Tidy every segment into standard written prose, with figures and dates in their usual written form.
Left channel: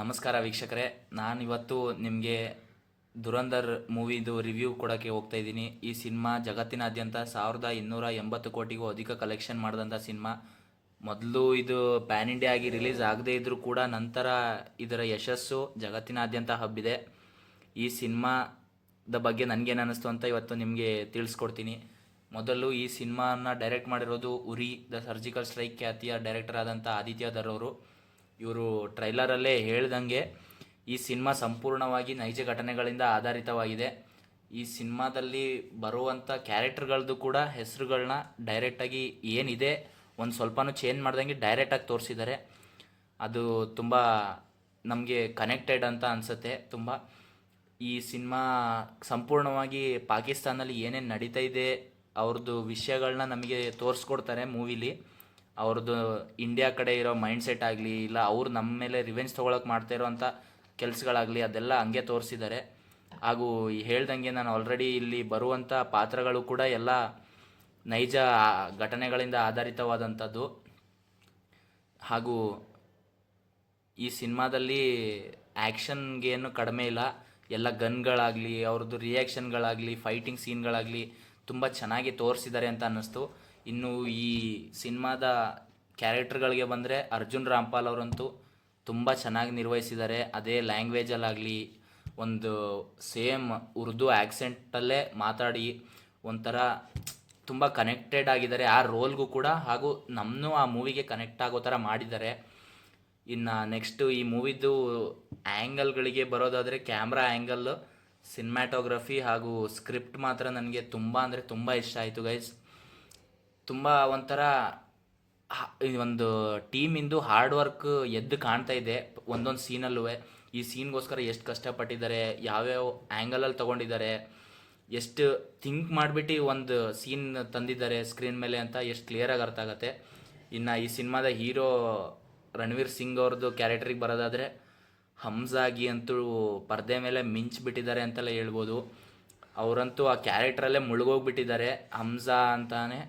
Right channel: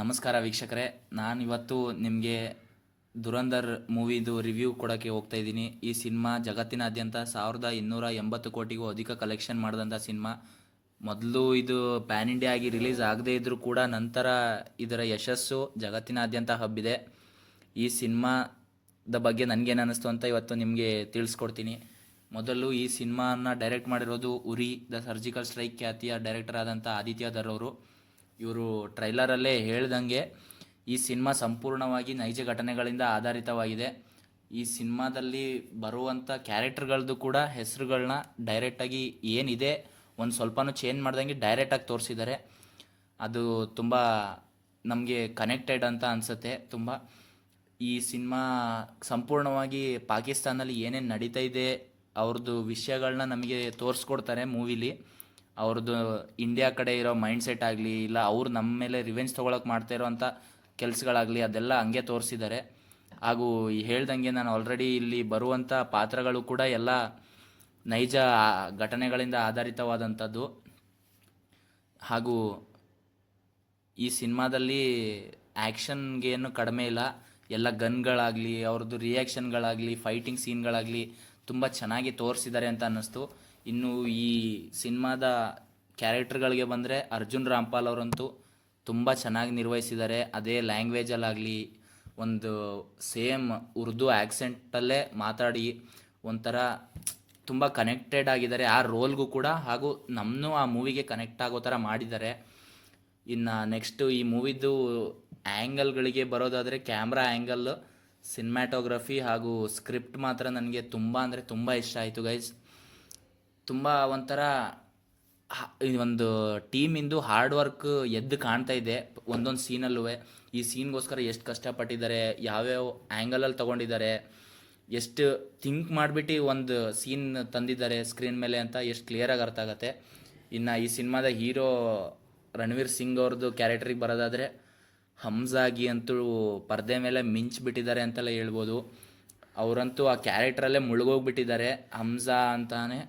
ನಮಸ್ಕಾರ ವೀಕ್ಷಕರೇ, ನಾನಿವತ್ತು ನಿಮಗೆ ದುರಂಧರ್ ಮೂವಿದು ರಿವ್ಯೂ ಕೊಡೋಕ್ಕೆ ಹೋಗ್ತಾ ಇದ್ದೀನಿ. ಈ ಸಿನಿಮಾ ಜಗತ್ತಿನಾದ್ಯಂತ 1280 ಕೋಟಿಗೂ ಅಧಿಕ ಕಲೆಕ್ಷನ್ ಮಾಡಿದಂಥ ಸಿನಿಮಾ. ಮೊದಲು ಇದು ಪ್ಯಾನ್ ಇಂಡಿಯಾ ಆಗಿ ರಿಲೀಸ್ ಆಗದೇ ಇದ್ದರೂ ಕೂಡ ನಂತರ ಇದರ ಯಶಸ್ಸು ಜಗತ್ತಿನಾದ್ಯಂತ ಹಬ್ಬಿದೆ. ಈ ಸಿನಿಮಾದ ಬಗ್ಗೆ ನನಗೇನು ಅನ್ನಿಸ್ತು ಅಂತ ಇವತ್ತು ನಿಮಗೆ ತಿಳಿಸ್ಕೊಡ್ತೀನಿ. ಮೊದಲು ಈ ಸಿನಿಮಾನ ಡೈರೆಕ್ಟ್ ಮಾಡಿರೋದು ಉರಿ ದ ಸರ್ಜಿಕಲ್ ಸ್ಟ್ರೈಕ್ ಖ್ಯಾತಿಯ ಡೈರೆಕ್ಟರ್ ಆದಂಥ ಆದಿತ್ಯ ಧರ್ ಅವರು. ಇವರು ಟ್ರೈಲರಲ್ಲೇ ಹೇಳ್ದಂಗೆ ಈ ಸಿನಿಮಾ ಸಂಪೂರ್ಣವಾಗಿ ನೈಜ ಘಟನೆಗಳಿಂದ ಆಧಾರಿತವಾಗಿದೆ. ಈ ಸಿನಿಮಾದಲ್ಲಿ ಬರುವಂಥ ಕ್ಯಾರೆಕ್ಟರ್ಗಳದ್ದು ಕೂಡ ಹೆಸರುಗಳನ್ನ ಡೈರೆಕ್ಟಾಗಿ ಏನಿದೆ ಒಂದು ಸ್ವಲ್ಪನೂ ಚೇಂಜ್ ಮಾಡ್ದಂಗೆ ಡೈರೆಕ್ಟಾಗಿ ತೋರಿಸಿದ್ದಾರೆ. ಅದು ತುಂಬ ನಮಗೆ ಕನೆಕ್ಟೆಡ್ ಅಂತ ಅನಿಸುತ್ತೆ. ತುಂಬ ಈ ಸಿನಿಮಾ ಸಂಪೂರ್ಣವಾಗಿ ಪಾಕಿಸ್ತಾನಲ್ಲಿ ಏನೇನು ನಡೀತಾ ಇದೆ ಅವ್ರದ್ದು ವಿಷಯಗಳನ್ನ ನಮಗೆ ತೋರಿಸ್ಕೊಡ್ತಾರೆ ಮೂವಿಲಿ. ಅವ್ರದ್ದು ಇಂಡಿಯಾ ಕಡೆ ಇರೋ ಮೈಂಡ್ ಸೆಟ್ ಆಗಲಿ, ಇಲ್ಲ ಅವ್ರು ನಮ್ಮ ಮೇಲೆ ರಿವೆಂಜ್ ತೊಗೊಳಕ್ಕೆ ಮಾಡ್ತಾ ಇರೋವಂಥ ಕೆಲಸಗಳಾಗಲಿ, ಅದೆಲ್ಲ ಹಂಗೆ ತೋರಿಸಿದ್ದಾರೆ. ಹಾಗೂ ಹೇಳ್ದಂಗೆ ನಾನು ಆಲ್ರೆಡಿ ಇಲ್ಲಿ ಬರುವಂಥ ಪಾತ್ರಗಳು ಕೂಡ ಎಲ್ಲ ನೈಜ ಘಟನೆಗಳಿಂದ ಆಧಾರಿತವಾದಂಥದ್ದು. ಹಾಗೂ ಈ ಸಿನಿಮಾದಲ್ಲಿ ಆ್ಯಕ್ಷನ್ಗೇನು ಕಡಿಮೆ ಇಲ್ಲ. ಎಲ್ಲ ಗನ್ಗಳಾಗಲಿ, ಅವ್ರದ್ದು ರಿಯಾಕ್ಷನ್ಗಳಾಗಲಿ, ಫೈಟಿಂಗ್ ಸೀನ್ಗಳಾಗಲಿ ತುಂಬ ಚೆನ್ನಾಗಿ ತೋರಿಸಿದ್ದಾರೆ ಅಂತ ಅನ್ನಿಸ್ತು. ಇನ್ನು ಈ ಸಿನಿಮಾದ ಕ್ಯಾರೆಕ್ಟರ್ಗಳಿಗೆ ಬಂದರೆ ಅರ್ಜುನ್ ರಾಮ್ಪಾಲ್ ಅವರಂತೂ ತುಂಬ ಚೆನ್ನಾಗಿ ನಿರ್ವಹಿಸಿದ್ದಾರೆ. ಅದೇ ಲ್ಯಾಂಗ್ವೇಜಲ್ಲಾಗಲಿ, ಒಂದು ಸೇಮ್ ಉರ್ದು ಆ್ಯಕ್ಸೆಂಟಲ್ಲೇ ಮಾತಾಡಿ ಒಂಥರ ತುಂಬ ಕನೆಕ್ಟೆಡ್ ಆಗಿದ್ದಾರೆ ಆ ರೋಲ್ಗೂ ಕೂಡ. ಹಾಗೂ ನಮ್ಮನ್ನು ಆ ಮೂವಿಗೆ ಕನೆಕ್ಟ್ ಆಗೋ ಥರ ಮಾಡಿದ್ದಾರೆ. ಇನ್ನು ನೆಕ್ಸ್ಟು ಈ ಮೂವಿದ್ದು ಆ್ಯಂಗಲ್ಗಳಿಗೆ ಬರೋದಾದರೆ ಕ್ಯಾಮ್ರಾ ಆ್ಯಂಗಲ್, ಸಿನಿಮ್ಯಾಟೋಗ್ರಫಿ ಹಾಗೂ ಸ್ಕ್ರಿಪ್ಟ್ ಮಾತ್ರ ನನಗೆ ತುಂಬ ಅಂದರೆ ತುಂಬ ಇಷ್ಟ ಆಯಿತು ಗೈಸ್. ತುಂಬ ಒಂಥರ ಒಂದು ಟೀಮಿಂದು ಹಾರ್ಡ್ ವರ್ಕ್ ಎದ್ದು ಕಾಣ್ತಾ ಇದೆ ಒಂದೊಂದು ಸೀನಲ್ಲೂ. ಈ ಸೀನ್ಗೋಸ್ಕರ ಎಷ್ಟು ಕಷ್ಟಪಟ್ಟಿದ್ದಾರೆ, ಯಾವ್ಯಾವ ಆ್ಯಂಗಲಲ್ಲಿ ತೊಗೊಂಡಿದ್ದಾರೆ, ಎಷ್ಟು ಥಿಂಕ್ ಮಾಡಿಬಿಟ್ಟು ಒಂದು ಸೀನ್ ತಂದಿದ್ದಾರೆ ಸ್ಕ್ರೀನ್ ಮೇಲೆ ಅಂತ ಎಷ್ಟು ಕ್ಲಿಯರಾಗಿ ಅರ್ಥ ಆಗುತ್ತೆ. ಇನ್ನು ಈ ಸಿನಿಮಾದ ಹೀರೋ ರಣವೀರ್ ಸಿಂಗ್ ಅವ್ರದ್ದು ಕ್ಯಾರೆಕ್ಟ್ರಿಗೆ ಬರೋದಾದರೆ ಹಮ್ಜಾಗಿ ಅಂತೂ ಪರದೆ ಮೇಲೆ ಮಿಂಚಿಬಿಟ್ಟಿದ್ದಾರೆ ಅಂತೆಲ್ಲ ಹೇಳ್ಬೋದು. ಅವರಂತೂ ಆ ಕ್ಯಾರೆಕ್ಟ್ರಲ್ಲೇ ಮುಳುಗೋಗ್ಬಿಟ್ಟಿದ್ದಾರೆ, ಹಮ್ಜಾ ಅಂತಾನೆ.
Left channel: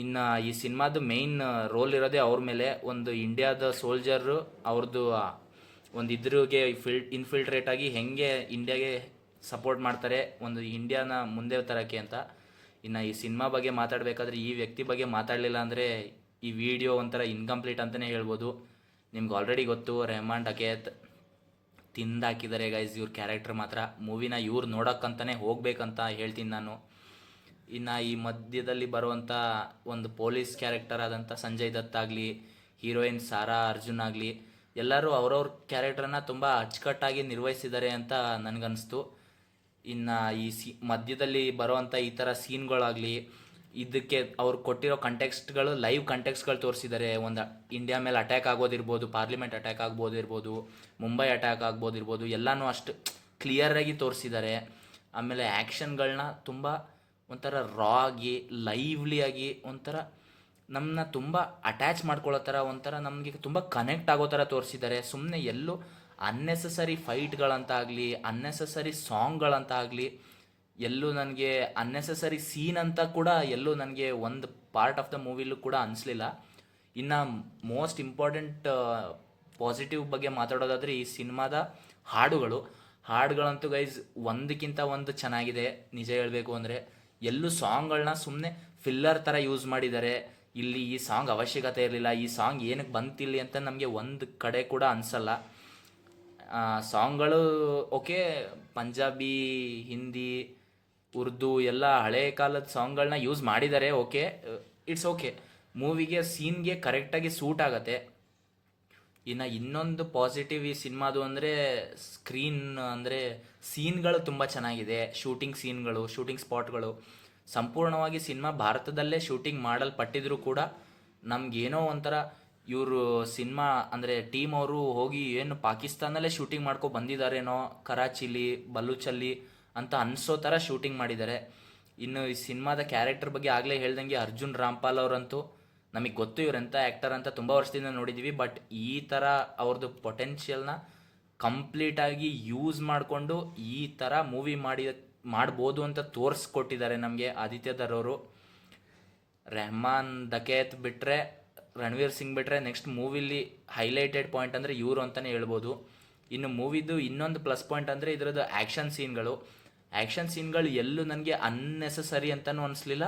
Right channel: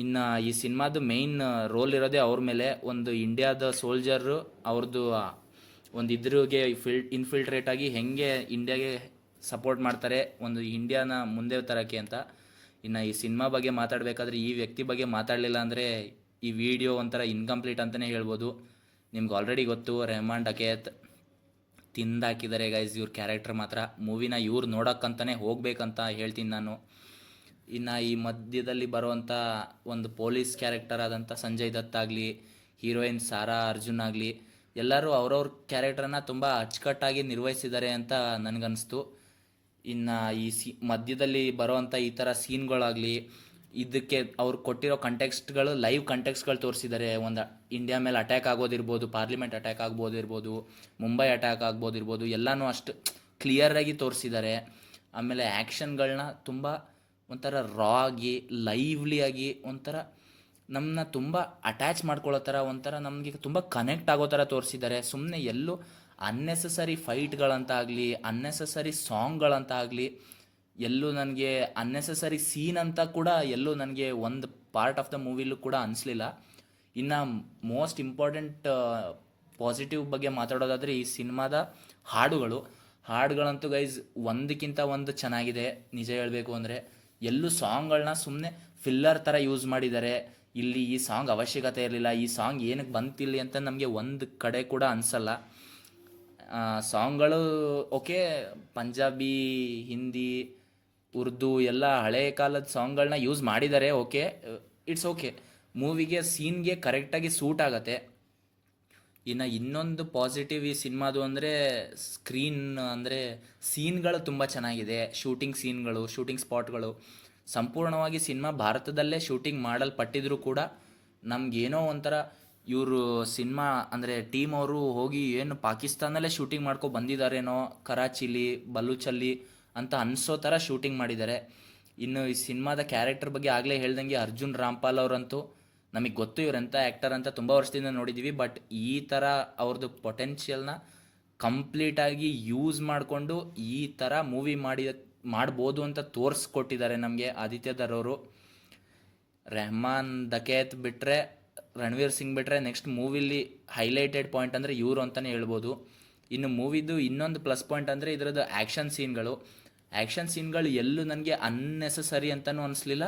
ಇನ್ನು ಈ ಸಿನಿಮಾದ ಮೇಯ್ನ್ ರೋಲ್ ಇರೋದೇ ಅವ್ರ ಮೇಲೆ. ಒಂದು ಇಂಡಿಯಾದ ಸೋಲ್ಜರು ಅವ್ರದ್ದು ಒಂದು ಇದ್ರಿಗೆ ಇನ್ಫಿಲ್ಟ್ರೇಟ್ ಆಗಿ ಹೆಂಗೆ ಇಂಡಿಯಾಗೆ ಸಪೋರ್ಟ್ ಮಾಡ್ತಾರೆ ಒಂದು ಇಂಡಿಯಾನ ಮುಂದೆ ತರೋಕ್ಕೆ ಅಂತ. ಇನ್ನು ಈ ಸಿನಿಮಾ ಬಗ್ಗೆ ಮಾತಾಡಬೇಕಾದ್ರೆ ಈ ವ್ಯಕ್ತಿ ಬಗ್ಗೆ ಮಾತಾಡಲಿಲ್ಲ ಅಂದರೆ ಈ ವಿಡಿಯೋ ಒಂಥರ ಇನ್ಕಂಪ್ಲೀಟ್ ಅಂತಲೇ ಹೇಳ್ಬೋದು. ನಿಮ್ಗೆ ಆಲ್ರೆಡಿ ಗೊತ್ತು, ರೆಹಮಾನ್ ಡಕೇತ್ ತಿಂದಾಕಿದ್ದಾರೆ ಗೈಸ್ ಇವ್ರ ಕ್ಯಾರೆಕ್ಟರ್ ಮಾತ್ರ. ಮೂವಿನ ಇವ್ರು ನೋಡೋಕ್ಕಂತಲೇ ಹೋಗ್ಬೇಕಂತ ಹೇಳ್ತೀನಿ ನಾನು. ಇನ್ನು ಈ ಮಧ್ಯದಲ್ಲಿ ಬರುವಂಥ ಒಂದು ಪೊಲೀಸ್ ಕ್ಯಾರೆಕ್ಟರ್ ಆದಂಥ ಸಂಜಯ್ ದತ್ ಆಗಲಿ, ಹೀರೋಯಿನ್ ಸಾರಾ ಅರ್ಜುನ್ ಆಗಲಿ, ಎಲ್ಲರೂ ಅವ್ರವ್ರ ಕ್ಯಾರೆಕ್ಟರನ್ನ ತುಂಬ ಅಚ್ಚುಕಟ್ಟಾಗಿ ನಿರ್ವಹಿಸಿದ್ದಾರೆ ಅಂತ ನನಗನ್ನಿಸ್ತು. ಇನ್ನು ಈ ಮಧ್ಯದಲ್ಲಿ ಬರೋವಂಥ ಈ ಥರ ಸೀನ್ಗಳಾಗಲಿ, ಇದಕ್ಕೆ ಅವ್ರು ಕೊಟ್ಟಿರೋ ಕಂಟೆಕ್ಸ್ಟ್ಗಳು ಲೈವ್ ಕಂಟೆಕ್ಸ್ಟ್ಗಳು ತೋರಿಸಿದ್ದಾರೆ. ಒಂದು ಇಂಡಿಯಾ ಮೇಲೆ ಅಟ್ಯಾಕ್ ಆಗೋದಿರ್ಬೋದು, ಪಾರ್ಲಿಮೆಂಟ್ ಅಟ್ಯಾಕ್ ಆಗ್ಬೋದಿರ್ಬೋದು, ಮುಂಬೈ ಅಟ್ಯಾಕ್ ಆಗ್ಬೋದಿರ್ಬೋದು, ಎಲ್ಲನೂ ಅಷ್ಟು ಕ್ಲಿಯರಾಗಿ ತೋರಿಸಿದ್ದಾರೆ. ಆಮೇಲೆ ಆ್ಯಕ್ಷನ್ಗಳನ್ನ ತುಂಬ ಒಂಥರ ರಾ ಆಗಿ, ಲೈವ್ಲಿಯಾಗಿ, ಒಂಥರ ನಮ್ಮನ್ನ ತುಂಬ ಅಟ್ಯಾಚ್ ಮಾಡ್ಕೊಳ್ಳೋ ಥರ, ಒಂಥರ ನಮಗೆ ತುಂಬ ಕನೆಕ್ಟ್ ಆಗೋ ಥರ ತೋರಿಸಿದ್ದಾರೆ. ಸುಮ್ಮನೆ ಎಲ್ಲೂ ಅನ್ನೆಸೆಸರಿ ಫೈಟ್ಗಳಂತ ಆಗಲಿ, ಅನ್ನೆಸೆಸರಿ ಸಾಂಗ್ಗಳಂತ ಆಗಲಿ, ಎಲ್ಲೂ ನನಗೆ ಅನ್ನೆಸೆಸರಿ ಸೀನ್ ಅಂತ ಕೂಡ ಎಲ್ಲೂ ನನಗೆ ಒಂದು ಪಾರ್ಟ್ ಆಫ್ ದ ಮೂವಿಲೂ ಕೂಡ ಅನಿಸ್ಲಿಲ್ಲ. ಇನ್ನು ಮೋಸ್ಟ್ ಇಂಪಾರ್ಟೆಂಟ್ ಪಾಸಿಟಿವ್ ಬಗ್ಗೆ ಮಾತಾಡೋದಾದರೆ ಈ ಸಿನಿಮಾದ ಹಾಡುಗಳಂತೂ ಗೈಸ್ ಒಂದಕ್ಕಿಂತ ಒಂದು ಚೆನ್ನಾಗಿದೆ. ನಿಜ ಹೇಳಬೇಕು ಅಂದರೆ ಎಲ್ಲೂ ಸಾಂಗ್ಗಳನ್ನ ಸುಮ್ಮನೆ ಫಿಲ್ಲರ್ ಥರ ಯೂಸ್ ಮಾಡಿದ್ದಾರೆ. ಇಲ್ಲಿ ಈ ಸಾಂಗ್ ಅವಶ್ಯಕತೆ ಇರಲಿಲ್ಲ, ಈ ಸಾಂಗ್ ಏನಕ್ಕೆ ಬಂತಿಲ್ಲಿ ಅಂತ ನಮಗೆ ಒಂದು ಕಡೆ ಕೂಡ ಅನಿಸಲ್ಲ. ಸಾಂಗ್ಗಳು ಓಕೆ, ಪಂಜಾಬಿ, ಹಿಂದಿ, ಉರ್ದು ಎಲ್ಲ ಹಳೆ ಕಾಲದ ಸಾಂಗ್ಗಳನ್ನ ಯೂಸ್ ಮಾಡಿದ್ದಾರೆ, ಓಕೆ, ಇಟ್ಸ್ ಓಕೆ. ಮೂವಿಗೆ ಸೀನ್ಗೆ ಕರೆಕ್ಟಾಗಿ ಸೂಟ್ ಆಗುತ್ತೆ. ಇನ್ನು ಇನ್ನೊಂದು ಪಾಸಿಟಿವ್ ಈ ಸಿನಿಮಾದು ಅಂದರೆ ಸ್ಕ್ರೀನ್, ಅಂದರೆ ಸೀನ್ಗಳು ತುಂಬ ಚೆನ್ನಾಗಿದೆ. ಶೂಟಿಂಗ್ ಸ್ಪಾಟ್ಗಳು ಸಂಪೂರ್ಣವಾಗಿ ಸಿನಿಮಾ ಭಾರತದಲ್ಲೇ ಶೂಟಿಂಗ್ ಮಾಡಲ್ಪಟ್ಟಿದ್ರು ಕೂಡ ನಮಗೇನೋ ಒಂಥರ ಇವರು ಸಿನಿಮಾ ಅಂದರೆ ಟೀಮ್ ಅವರು ಹೋಗಿ ಏನು ಪಾಕಿಸ್ತಾನಲ್ಲೇ ಶೂಟಿಂಗ್ ಮಾಡ್ಕೊ ಬಂದಿದ್ದಾರೇನೋ, ಕರಾಚಿಲಿ, ಬಲೂಚಲ್ಲಿ ಅಂತ ಅನಿಸೋ ಥರ ಶೂಟಿಂಗ್ ಮಾಡಿದ್ದಾರೆ. ಇನ್ನು ಈ ಸಿನಿಮಾದ ಕ್ಯಾರೆಕ್ಟರ್ ಬಗ್ಗೆ ಆಗಲೇ ಹೇಳ್ದಂಗೆ ಅರ್ಜುನ್ ರಾಮ್ಪಾಲ್ ಅವರಂತೂ ನಮಗೆ ಗೊತ್ತು ಇವರೆಂಥ ಆ್ಯಕ್ಟರ್ ಅಂತ, ತುಂಬ ವರ್ಷದಿಂದ ನೋಡಿದ್ದೀವಿ. ಬಟ್ ಈ ಥರ ಅವ್ರದ್ದು ಪೊಟೆನ್ಷಿಯಲ್ನ ಕಂಪ್ಲೀಟಾಗಿ ಯೂಸ್ ಮಾಡಿಕೊಂಡು ಈ ಥರ ಮೂವಿ ಮಾಡ್ಬೋದು ಅಂತ ತೋರಿಸ್ಕೊಟ್ಟಿದ್ದಾರೆ ನಮಗೆ ಆದಿತ್ಯ ಧರ್ ಅವರು. ರೆಹಮಾನ್ ಡಕೇತ್ ಬಿಟ್ಟರೆ, ರಣವೀರ್ ಸಿಂಗ್ ಬಿಟ್ಟರೆ ನೆಕ್ಸ್ಟ್ ಮೂವಿಲಿ ಹೈಲೈಟೆಡ್ ಪಾಯಿಂಟ್ ಅಂದರೆ ಇವರು ಅಂತಲೇ ಹೇಳ್ಬೋದು. ಇನ್ನು ಮೂವಿದು ಇನ್ನೊಂದು ಪ್ಲಸ್ ಪಾಯಿಂಟ್ ಅಂದರೆ ಇದರದ್ದು ಆ್ಯಕ್ಷನ್ ಸೀನ್ಗಳು ಎಲ್ಲೂ ನನಗೆ ಅನ್ನೆಸಸರಿ ಅಂತಲೂ ಅನಿಸ್ಲಿಲ್ಲ,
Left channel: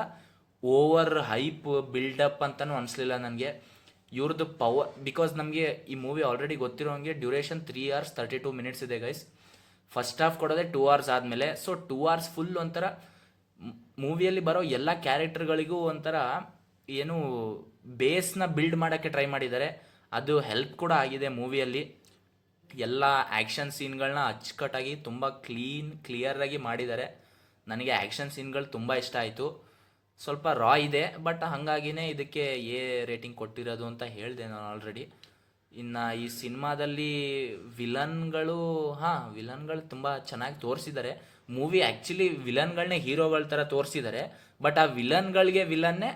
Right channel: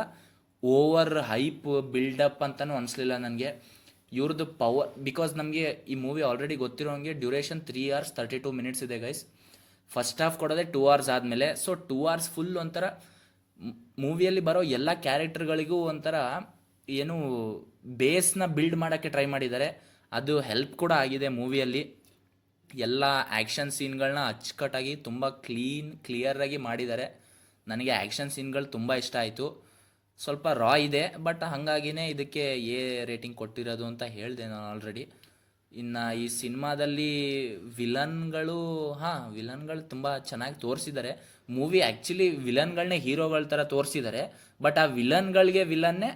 ಓವರ್ ಹೈಪ್ ಬಿಲ್ಡಪ್ ಅಂತಲೂ ಅನಿಸ್ಲಿಲ್ಲ ನನಗೆ. ಇವ್ರದ್ದು ಪವರ್, ಬಿಕಾಸ್ ನಮಗೆ ಈ ಮೂವಿ ಆಲ್ರೆಡಿ ಗೊತ್ತಿರೋ ಹಂಗೆ ಡ್ಯೂರೇಷನ್ 3 hours 32 minutes ಇದೆ ಗೈಸ್. ಫಸ್ಟ್ ಹಾಫ್ ಕೊಡೋದೇ 2 hours ಆದಮೇಲೆ, ಸೊ 2 hours ಫುಲ್ ಒಂಥರ ಮೂವಿಯಲ್ಲಿ ಬರೋ ಎಲ್ಲ ಕ್ಯಾರೆಕ್ಟರ್ಗಳಿಗೂ ಒಂಥರ ಏನು ಬೇಸ್ನ ಬಿಲ್ಡ್ ಮಾಡೋಕ್ಕೆ ಟ್ರೈ ಮಾಡಿದ್ದಾರೆ. ಅದು ಹೆಲ್ಪ್ ಕೂಡ ಆಗಿದೆ ಮೂವಿಯಲ್ಲಿ. ಎಲ್ಲ ಆ್ಯಕ್ಷನ್ ಸೀನ್ಗಳನ್ನ ಅಚ್ಚುಕಟ್ಟಾಗಿ ತುಂಬ ಕ್ಲಿಯರಾಗಿ ಮಾಡಿದ್ದಾರೆ. ನನಗೆ ಆ್ಯಕ್ಷನ್ ಸೀನ್ಗಳು ತುಂಬ ಇಷ್ಟ ಆಯಿತು. ಸ್ವಲ್ಪ ರಾ ಇದೆ, ಬಟ್ ಹಾಗಾಗಿನೇ ಇದಕ್ಕೆ ಎ ರೇಟಿಂಗ್ ಕೊಟ್ಟಿರೋದು ಅಂತ ಹೇಳಿದೆ ನಾನು ಆಲ್ರೆಡಿ. ಇನ್ನು ಈ ಸಿನಿಮಾದಲ್ಲಿ ವಿಲನ್ಗಳು ತುಂಬ ಚೆನ್ನಾಗಿ ತೋರಿಸಿದ್ದಾರೆ. ಮೂವಿ ಆ್ಯಕ್ಚುಲಿ ವಿಲನ್ಗಳನ್ನೇ ಹೀರೋಗಳ ಥರ ತೋರಿಸಿದ್ದಾರೆ, ಬಟ್ ಆ ವಿಲನ್ನೇ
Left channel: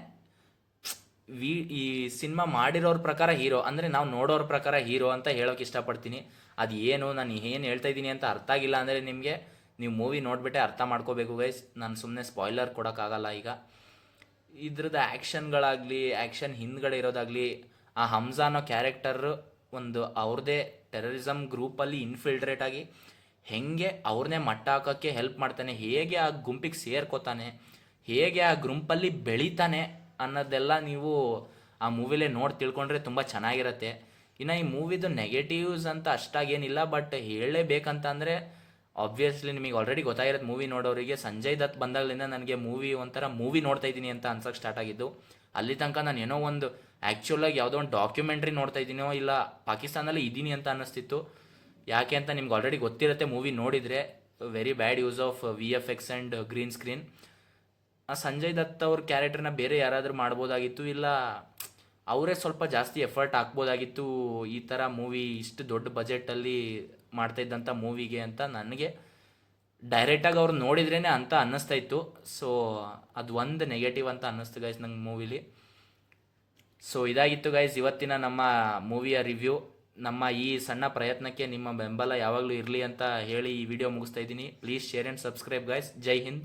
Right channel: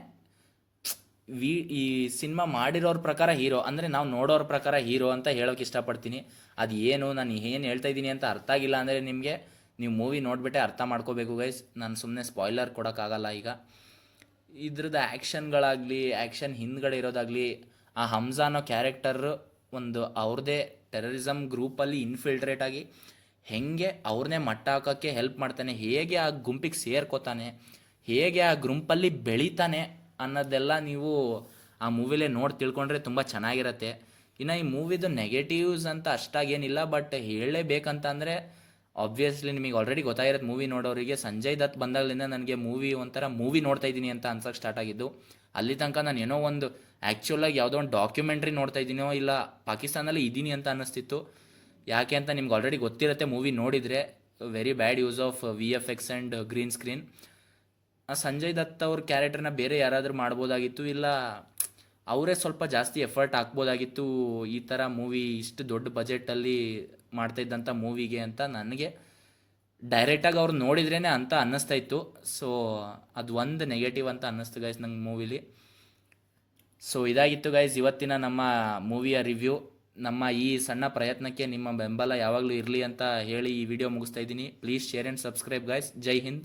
ಈ ಸಿನಿಮಾ ಮಾಡಿರೋರ ಪ್ರಕಾರ ಹೀರೋ, ಅಂದರೆ ನಾವು ನೋಡೋರ ಪ್ರಕಾರ ಹೀರೋ ಅಂತ ಹೇಳೋಕೆ ಇಷ್ಟಪಡ್ತೀನಿ. ಅದು ಏನು ನಾನು ಏನು ಹೇಳ್ತಾ ಇದ್ದೀನಿ ಅಂತ ಅರ್ಥ ಆಗಿಲ್ಲ ಅಂದರೆ ನಿಮಗೆ, ನೀವು ಮೂವಿ ನೋಡಿಬಿಟ್ಟೆ ಅರ್ಥ ಮಾಡ್ಕೋಬೇಕು ಗೈಸ್. ನಾನು ಸುಮ್ಮನೆ ಸ್ಪಾಯ್ಲರ್ ಕೊಡೋಕ್ಕಾಗಲ್ಲ ಈಗ. ಇದ್ರದ್ದು ಆ್ಯಕ್ಷನ್ಗಳಾಗಲಿ, ಆ್ಯಕ್ಷನ್ ಹಿಂದ್ಗಡೆ ಇರೋದಾಗಲಿ, ಆ ಹಮ್ಜಾ ಅನ್ನೋ ಕ್ಯಾರೆಕ್ಟರ್ ಒಂದು ಅವ್ರದ್ದೇ ಟೆರರಿಸಮ್ ಗ್ರೂಪಲ್ಲಿ ಇನ್ಫಿಲ್ಟ್ರೇಟ್ ಆಗಿ ಹೇಗೆ ಅವ್ರನ್ನೇ ಮಟ್ಟ ಹಾಕೋಕ್ಕೆ ಹೆಲ್ಪ್ ಮಾಡ್ತಾನೆ, ಹೇಗೆ ಆ ಗುಂಪಿಗೆ ಸೇರ್ಕೋತಾನೆ, ಹೇಗೆ ಆ ಗುಂಪಲ್ಲಿ ಬೆಳೀತಾನೆ ಅನ್ನೋದೆಲ್ಲ ನೀವು ಆ ಮೂವಿಲೇ ನೋಡಿ ತಿಳ್ಕೊಂಡ್ರೆ ತುಂಬ ಚೆನ್ನಾಗಿರುತ್ತೆ. ಇನ್ನು ಈ ಮೂವಿದು ನೆಗೆಟಿವ್ಸ್ ಅಂತ ಅಷ್ಟಾಗೇನಿಲ್ಲ, ಬಟ್ ಹೇಳಲೇಬೇಕಂತ ಅಂದರೆ ಆಬ್ವಿಯಸ್ಲಿ ನಿಮಗೆ ಆಲ್ರೆಡಿ ಗೊತ್ತಾಗಿರುತ್ತೆ ಮೂವಿ ನೋಡೋರಿಗೆ. ಸಂಜಯ್ ದತ್ ಬಂದಾಗಲಿಂದ ನನಗೆ ಒಂಥರ ಮೂವಿ ನೋಡ್ತಾ ಇದ್ದೀನಿ ಅಂತ ಅನ್ಸೋಕ್ಕೆ ಸ್ಟಾರ್ಟ್ ಆಗಿದ್ದು. ಅಲ್ಲಿ ತನಕ ನಾನು ಏನೋ ಒಂದು ಆ್ಯಕ್ಚುಲಾಗಿ ಯಾವುದೋ ಒಂದು ಡಾಕ್ಯುಮೆಂಟ್ರಿ ನೋಡ್ತಾ ಇದ್ದೀನೋ ಇಲ್ಲ ಪಾಕಿಸ್ತಾನಲ್ಲಿ ಇದ್ದೀನಿ ಅಂತ ಅನ್ನಿಸ್ತಿತ್ತು. ಯಾಕೆ ಅಂತ ನಿಮ್ಗೆ ಆಲ್ರೆಡಿ ಗೊತ್ತಿರುತ್ತೆ ಮೂವಿ ನೋಡಿದರೆ. Very bad use of VFX and green screen. Sanjay Dutt ಅವ್ರ ಕ್ಯಾರೆಕ್ಟರ್ನ ಬೇರೆ ಯಾರಾದರೂ ಮಾಡ್ಬೋದಾಗಿತ್ತು, ಇಲ್ಲ ಅವರೇ ಸ್ವಲ್ಪ ಜಾಸ್ತಿ ಎಫರ್ಟ್ ಹಾಕ್ಬೋದಾಗಿತ್ತು ಈ ಥರ ಮೂವಿ ಇಷ್ಟು ದೊಡ್ಡ ಬಜೆಟಲ್ಲಿ ಮಾಡ್ತಾಯಿದ್ದಂಥ ಮೂವಿಗೆ ಅಂತ ನನಗೆ ಡೈರೆಕ್ಟಾಗಿ ಅವ್ರು ನೋಡಿದ್ರೇ ಅಂತ ಅನ್ನಿಸ್ತಾ ಇತ್ತು. ಸೊ ಅದು ಒಂದು ನೆಗೆಟಿವ್ ಅಂತ ಅನ್ನಿಸ್ತು ಗೈಸ್ ನಂಗೆ ಮೂವಿಲಿ. ಸೊ ಇದಾಗಿತ್ತು ಗೈಸ್ ಇವತ್ತಿನ ನಮ್ಮ ಮೂವಿಯ ರಿವ್ಯೂ. ನಮ್ಮ ಈ ಸಣ್ಣ ಪ್ರಯತ್ನಕ್ಕೆ ನಿಮ್ಮ ಬೆಂಬಲ ಯಾವಾಗಲೂ ಇರಲಿ ಅಂತ ಹೇಳಿ ಈ ವಿಡಿಯೋ ಮುಗಿಸ್ತಾ ಇದ್ದೀನಿ. Please share and subscribe guys. Jai Hind.